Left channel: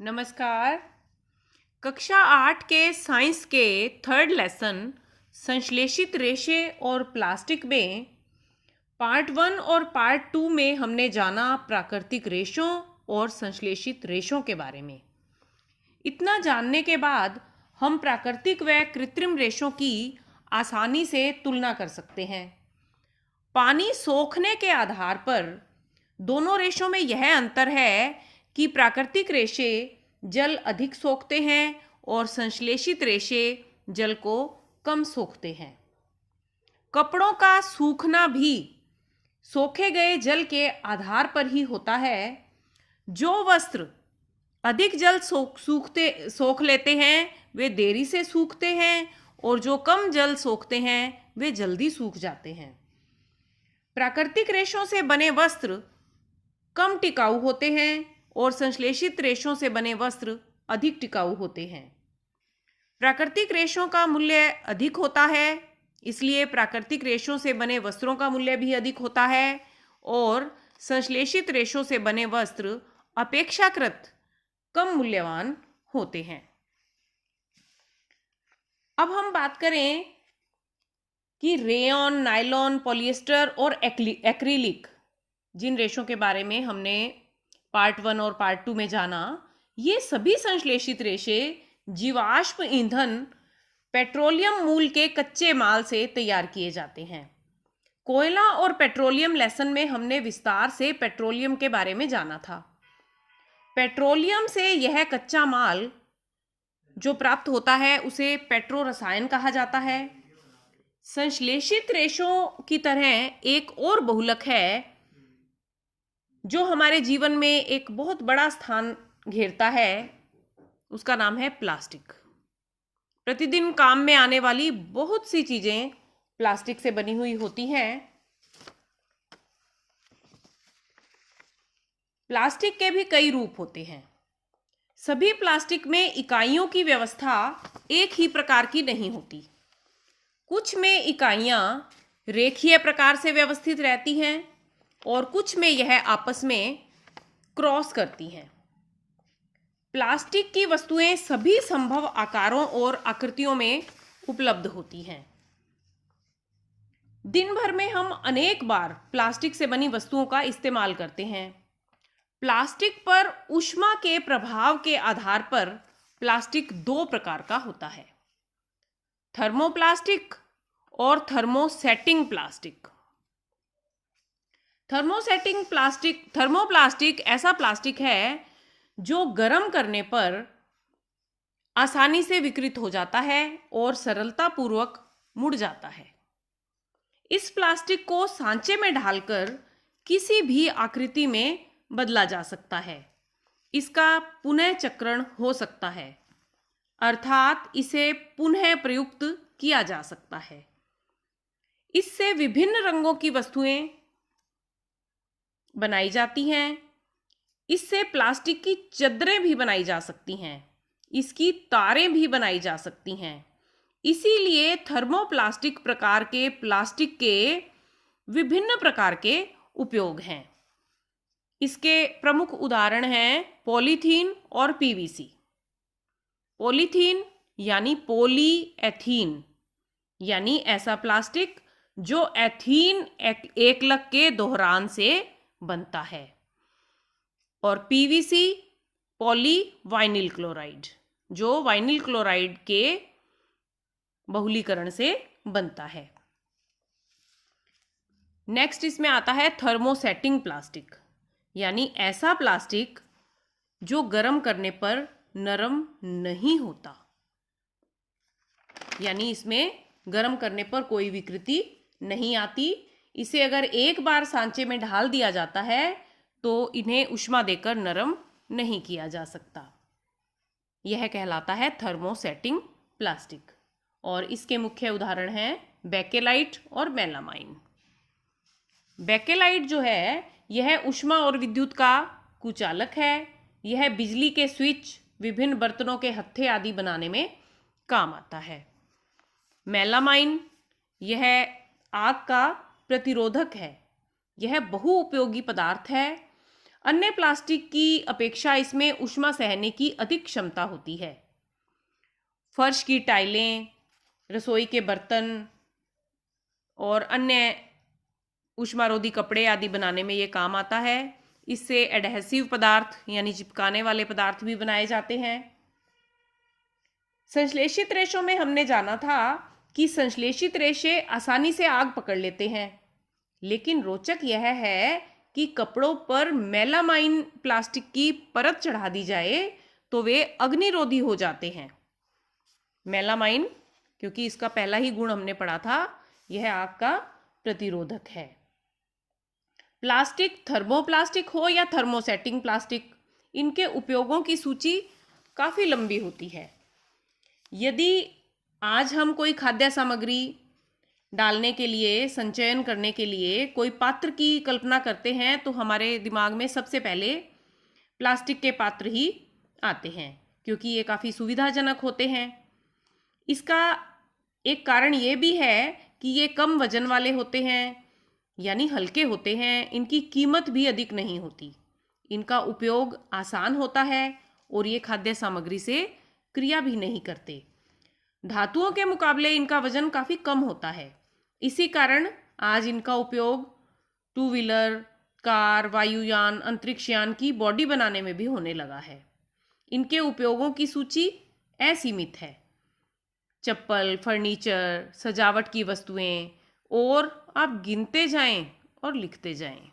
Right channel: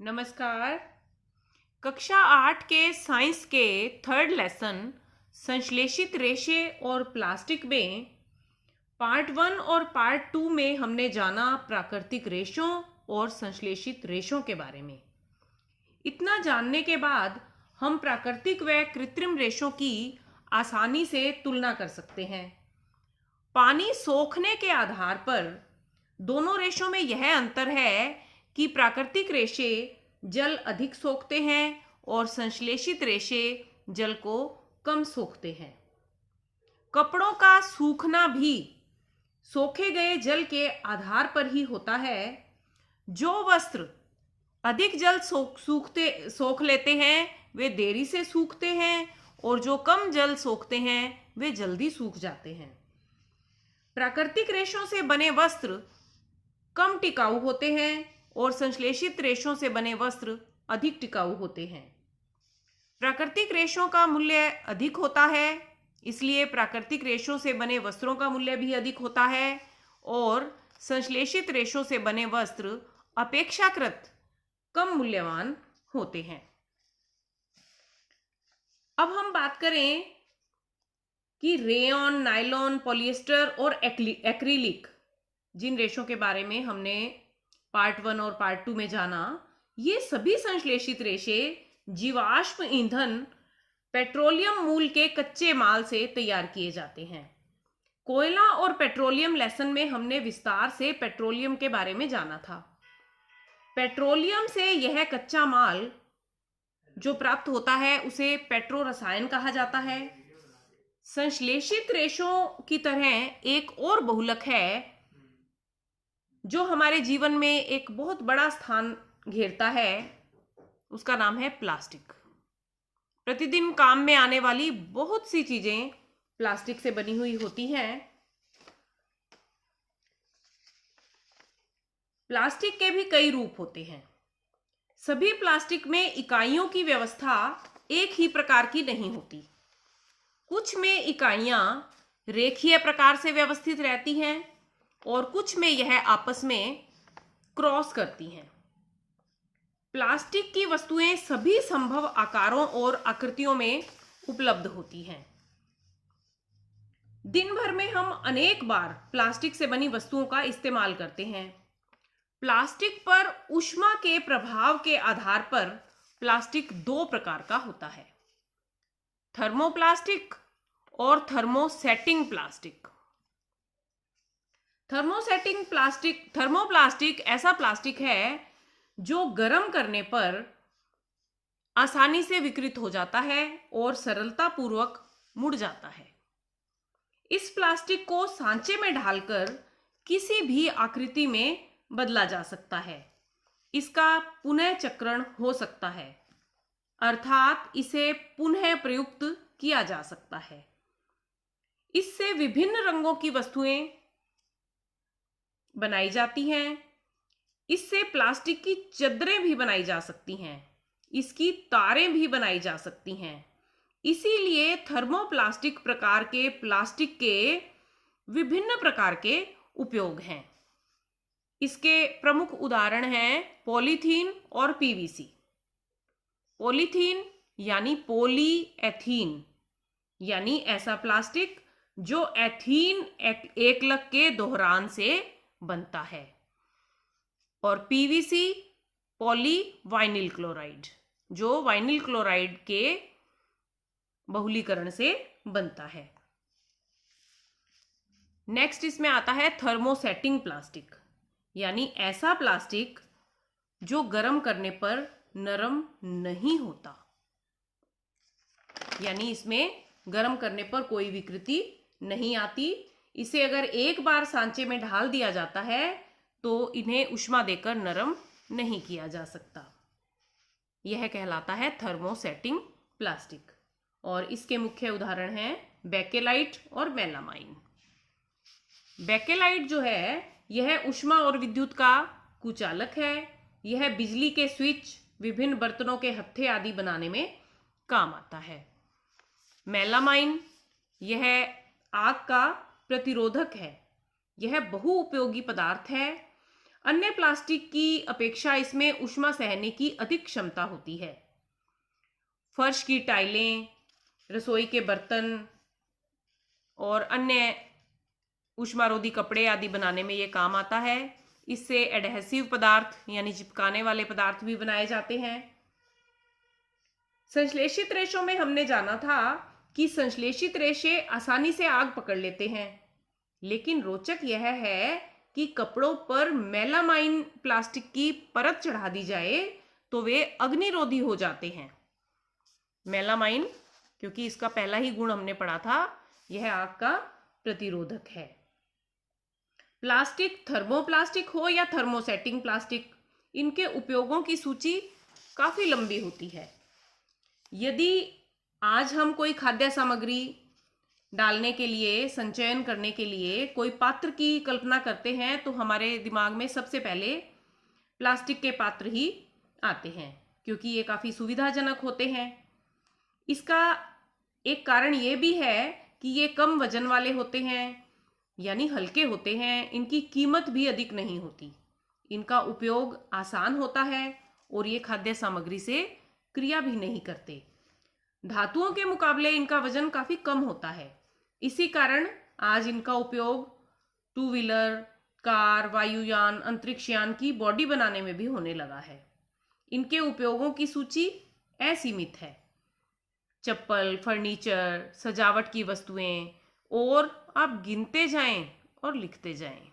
नमस्कार। कक्षा 8 के साइंस के थर्ड लेसन संश्लेषित रेशे और प्लास्टिक में पार्ट 1 और पार्ट 2 में हमने जाना प्राकृतिक रेशों और संश्लेषित रेशों के बारे में। इतना जानने के बाद हम प्राकृतिक व कृत्रिम रेशों की आसानी से तुलना कर सकते हैं। पानी सोखने के आधार पर दोनों रेशों में यह अंतर है कि प्राकृतिक रेशे जल अधिक सोखते हैं और संश्लेषित रेशे जल को कम सोखते हैं। कपड़ों का सूखना भी सोखे गए जल के आधार पर ही होता है। जो वस्त्र अधिक जल सोख लेते हैं वे देरी से सूखते हैं और जो कम जल सोखते हैं वे जल्दी सूख जाते हैं। प्राकृतिक रेशों से बने वस्त्र कम टिकाऊ होते हैं और संश्लेषित रेशों से बने वस्त्र अधिक टिकाऊ होते हैं। प्राकृतिक रेशों का मूल्य अधिक होता है, इसलिए प्राकृतिक रेशों से बने वस्त्रों का मूल्य भी अधिक होता है और संश्लेषित रेशों से बने वस्त्र अपेक्षाकृत कम मूल्यवान होते हैं। अब हम बात करें कि रेयॉन, नायलॉन, पॉलिएस्टर और एक्रिलिक जिन रेशों के बारे में हमने पार्ट 1 और पार्ट 2 में जाना, ये सभी संश्लेषित रेशे जीवाश्म ईंधन पेट्रोलियम मूल के कच्चे माल से तैयार किए जाते हैं। कोयला और पेट्रोलियम लेसन में हमने विस्तार से पेट्रोलियम के बारे में जाना था। पेट्रोलियम से यह कच्चा माल जो प्राप्त होता है उसे पेट्रो रसायन कहा जाता है। संश्लेषित रेशों की तरह एक और बहुलक है जो हमारे जीवन में एक बहुत बड़ा स्थान घेरता है, उसका नाम है प्लास्टिक। प्रतिदिन काम में आने वाली बहुत सी चीजें प्लास्टिक से बनी हुई होती हैं। प्लास्टिक के भी कई रूप होते हैं। सभी प्लास्टिक में इकाइयों की व्यवस्था एक ही प्रकार की नहीं होती। कुछ में इकाइयां रेखीय प्रकार से व्यवस्थित रहती हैं और कुछ में यह आपस में क्रॉस करती हैं। प्लास्टिक की वस्तुएं सभी संभव आकारों और आकृतियों में उपलब्ध होती हैं। दिन भर में हम अनेक बार प्लास्टिक से बनी वस्तुओं का इस्तेमाल करते हैं। प्लास्टिक पर ऊष्मा के प्रभाव के आधार पर प्लास्टिक दो प्रकार का होता है, थर्मोप्लास्टिक और थर्मोसेटिंग प्लास्टिक। थर्मोप्लास्टिक ऐसा प्लास्टिक है जो गर्म करने पर आसानी से विकृत हो जाता है और सरलता पूर्वक मुड़ जाता है। इस प्लास्टिक को सांचे में ढालकर किसी भी आकृति में बदला जा सकता है। इसका पुनः चक्रण हो सकता है, अर्थात इसे पुनः प्रयुक्त किया जा सकता है। इससे विभिन्न रंगों की वस्तुएं बनाई जाती हैं। इससे प्लास्टिक की चद्दरें भी बनाई जा सकती हैं, इसकी तारें भी बनाई जा सकती हैं। इसीलिए थर्मोप्लास्टिक प्रकार के प्लास्टिक के विभिन्न प्रकार के उपयोग हैं। इसके प्रमुख उदाहरण हैं पॉलीथीन और पीवीसी। पॉलीथीन यानी पॉलीएथीन, यानी ऐसा प्लास्टिक जो एथीन एकलक के दोहरान से बनता है, और पीवीसी पॉली वाइनिल क्लोराइड जो वाइनिल क्लोराइड के बहुलीकरण से बनता है। नेक्स्ट इसमें आता है थर्मोसेटिंग प्लास्टिक, यानी ऐसा प्लास्टिक जो गर्म करने पर नरम नहीं होता, यानी इसमें गर्म करने पर कोई विकृति नहीं आती। इसे अगर एक बार सांचे में ढाल दिया जाता है तो इन्हें ऊष्मा देकर नरम नहीं किया जा सकता। यह कहलाता है थर्मोसेटिंग प्लास्टिक, और इसके मुख्य उदाहरण हैं बेकेलाइट और मेलामाइन। बेकेलाइट जो है यह ऊष्मा और विद्युत का कुचालक है। यह बिजली के स्विच, विभिन्न बर्तनों के हत्थे आदि बनाने में काम आता है। मेलामाइन यह आग का प्रतिरोधक है। यह बहुउपयोगी पदार्थ है। अन्य प्लास्टिक की अपेक्षा इसमें ऊष्मा सहने की अधिक क्षमता होती है। फर्श की टाइलें, रसोई के बर्तन और अन्य ऊष्मारोधी कपड़े आदि बनाने में ये काम आता है। इससे एडहेसिव पदार्थ यानी चिपकाने वाले पदार्थ भी बनाए जाते हैं। संश्लेषित रेशों में हमने जाना था कि संश्लेषित रेशे आसानी से आग पकड़ लेते हैं, लेकिन रोचक यह है कि कपड़ों पर मेलामाइन प्लास्टिक की परत चढ़ा दी जाए तो वे अग्निरोधी हो जाते हैं। मेलामाइन, क्योंकि इसका पहला ही गुण हमने पढ़ा था, यह आग का प्रतिरोधक है। प्लास्टिक, थर्मोप्लास्टिक हो या थर्मोसेटिंग प्लास्टिक, इनके उपयोगों की सूची काफ़ी लंबी होती है। यदि आज हम कोई खाद्य सामग्री डालने के लिए, संचयन करने के लिए कोई पात्र की कल्पना करते हैं तो हमारे दिमाग में सबसे पहले प्लास्टिक के पात्र ही आते हैं, क्योंकि ये काफ़ी सुविधाजनक होते हैं। इसका एक कारण ये भी है कि ये कम वजन वाले होते हैं, यानी हल्के होते हैं। इनकी कीमत भी अधिक नहीं होती, इनका उपयोग आसान होता है और ये खाद्य सामग्री से क्रिया भी नहीं करते। धातुओं के मुकाबले इनका वजन काफ़ी कम होता है। इसी कारण आज इनका उपयोग टू व्हीलर, कार, वायुयान, अंतरिक्षयान की बॉडी बनाने में भी होने लगा है। इनके उपयोगों की सूची असीमित है। चप्पल, फर्नीचर, सजावट की वस्तुएं, और आप गिनते जाएं और लिखते जाएं।